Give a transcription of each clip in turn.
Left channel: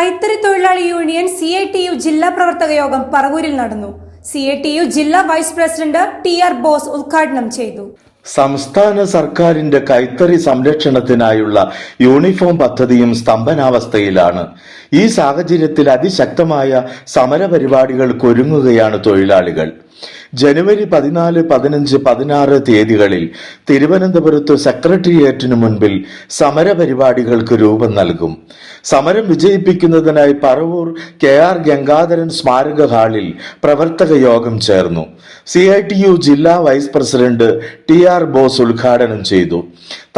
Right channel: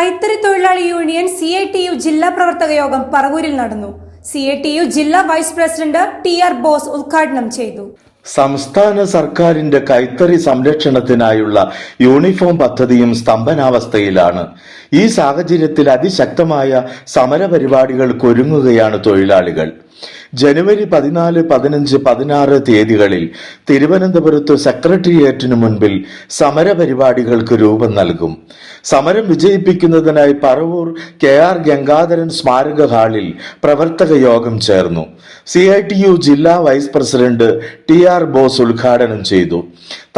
കൈത്തറി തൊഴിലാളി union CITU ജില്ലാ പ്രവർത്തക യോഗം പറവൂരിൽ നടന്നു. CITU ജില്ലാ വൈസ് പ്രസിഡന്റ് TR ബോസ് ഉദ്ഘാടനം ചെയ്തു. സംസ്ഥാന സർക്കാരിന്റെ കൈത്തറി സംരക്ഷണത്തിനായുള്ള യൂണിഫോം പദ്ധതിയും സ്തംഭനാവസ്ഥയിലാണ്. ഈ സാഹചര്യത്തിൽ അതിശക്തമായ സമരപരിപാടികൾക്ക് ഒരുങ്ങുകയാണ് തൊഴിലാളികൾ. ജനുവരി 14, 15, 16 തീയതികളിൽ തിരുവനന്തപുരത്ത് സെക്രട്ടേറിയറ്റിനു മുൻപിൽ സമരപരിപാടികൾക്ക് രൂപം നൽകും. സമരം വിജയിപ്പിക്കുന്നതിനായി പറവൂർ KR ഗംഗാധരൻ സ്മാരക ഹാളിൽ പ്രവർത്തക യോഗം ചേർന്നു. CITU ജില്ലാ വൈസ് പ്രസിഡന്റ് TR ബോസ് ഉദ്ഘാടനം ചെയ്തു.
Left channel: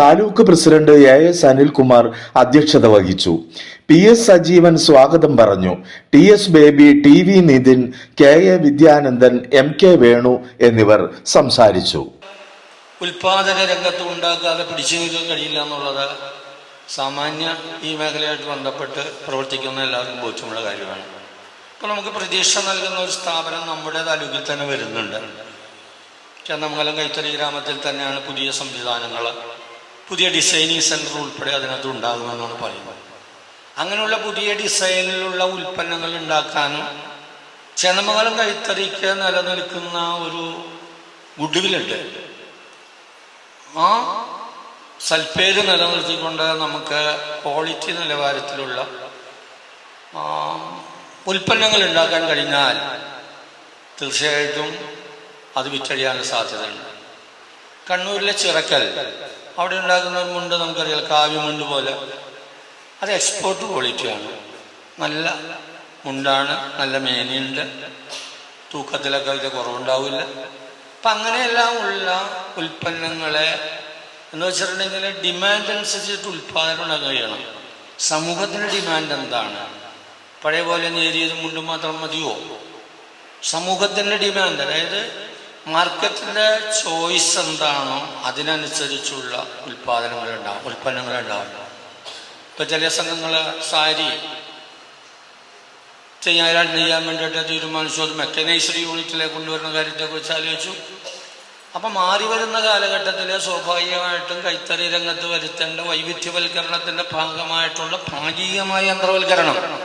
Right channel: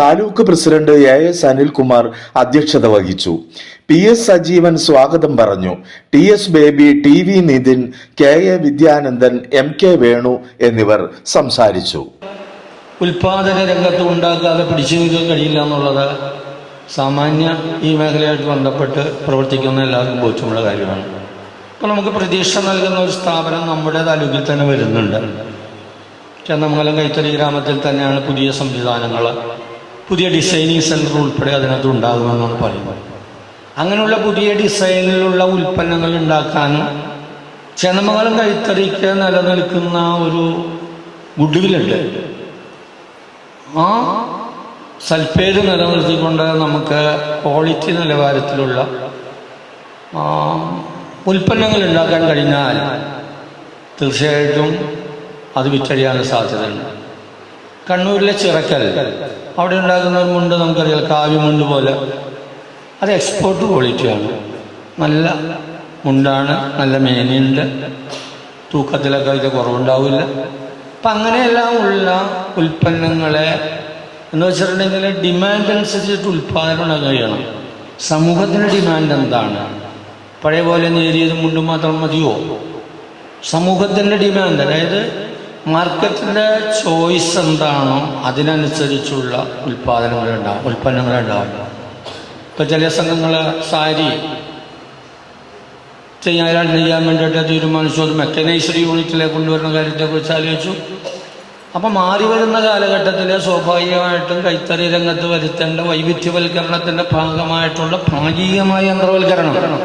താലൂക്ക് പ്രസിഡന്റ് AS അനിൽകുമാർ അധ്യക്ഷത വഹിച്ചു. PS സജീവൻ സ്വാഗതം പറഞ്ഞു. TS Baby, TV Nithin, KA Vidyanandan, MK Venu എന്നിവർ സംസാരിച്ചു. ഉൽപാദന രംഗത്ത് ഉണ്ടാക്കാതെ പിടിച്ചു നിൽക്കാൻ കഴിയില്ല എന്നുള്ളത് സാമാന്യ ഈ മേഖലയായിട്ട് ബന്ധപ്പെട്ട് പ്രവർത്തിക്കുന്ന എല്ലാവർക്കും ബോധ്യമുള്ള കാര്യമാണ്. അപ്പോൾ നമുക്ക് പ്രതീക്ഷ നൽകുന്ന ഒരു സ്ഥാപനം നമ്മുടെ താലൂക്കിൽ തന്നെ വരുന്നുണ്ട്. ചന്ദമംഗലം കൈത്തറി ഗ്രാമത്തിൽ തന്നെയാണ് പുതിയ സംവിധാനങ്ങൾ, പുതിയ ഡിസൈനിങ് സെൻറ്റർ ഉൾപ്പെടെ അതിനകത്ത് ഉണ്ടാകുമെന്നാണ് പറയുന്നത്. അങ്ങനെയുള്ള പുതിയ ഡിസൈനിലുള്ള ഉൽപ്പന്നങ്ങൾ ഉണ്ടാക്കാനും ചന്ദമംഗലം കൈത്തറിക്ക് നിലനിൽക്കുന്ന ഒരു ഗുഡ്വില്ലുണ്ട്. ആ സൽപ്പേര് നിലനിർത്തിക്കൊണ്ട് നമുക്ക് ക്വാളിറ്റി നിലവാരത്തിലുള്ള ഉൽപ്പന്നങ്ങൾ ഉണ്ടാക്കാൻ കഴിഞ്ഞാൽ തീർച്ചയായിട്ടും അത് വിറ്റഴിയാനുള്ള സാധ്യതയുണ്ട്. കണ്ണൂരിലെ ചിറക്കൽ അവിടെ ഉണ്ടാക്കുന്ന ഒരു മുണ്ട് നമുക്കറിയാം, കാവ്യമുണ്ട് പോലെ. അത് എക്സ്പോർട്ട് ക്വാളിറ്റിയാണ്, നല്ല മുണ്ടാണ്, നല്ല മേനയുണ്ട്, തൂക്കത്തിലൊക്കെ അതിൻ്റെ കുറവുണ്ടാവില്ല. അപ്പം അങ്ങനെയെല്ലാം ഉള്ള ഉൽപ്പന്നങ്ങളെ എന്ന് വെച്ചിട്ടുണ്ടെങ്കിൽ ഡിമാൻഡ് അനുസരിച്ചിട്ട് ഉൽപ്പാദനം കഴിയണം. സമൂഹത്തിൻ്റെ ഡിമാൻഡ് എന്താണ്? പഴയ പോലെ നേരിയത് മുണ്ടും മാത്രം മതിയോ? സമൂഹത്തിൻ്റെ ഡിമാൻഡ്, അതായത് മാർക്കറ്റിൻ്റെ ചോയ്സ് എന്താണോ അതിനനുസരിച്ചുള്ള ഉൽപ്പന്നങ്ങളുണ്ടാവും. ഇപ്പോൾ ചില സംഘങ്ങൾ സാരി നെയ്യാൻ വേണ്ടിയിട്ട് തീരുമാനിച്ചു, അത് മെക്കനൈസ്ഡ് യൂണിറ്റിലേക്ക് കൊണ്ടുവരുന്ന കാര്യത്തെക്കുറിച്ച് ആലോചിച്ചു. അപ്പം മാറി വരുന്ന കാലഘട്ടത്തിൽ സ്വാഭാവികമായിട്ടും കൈത്തറി രംഗത്ത് വരുത്തേണ്ട വൈവിധ്യവൽക്കരണത്തിൻ്റെ ഭാഗമായിട്ടുള്ള ഭാഗികമായ യന്ത്രവൽക്കരണം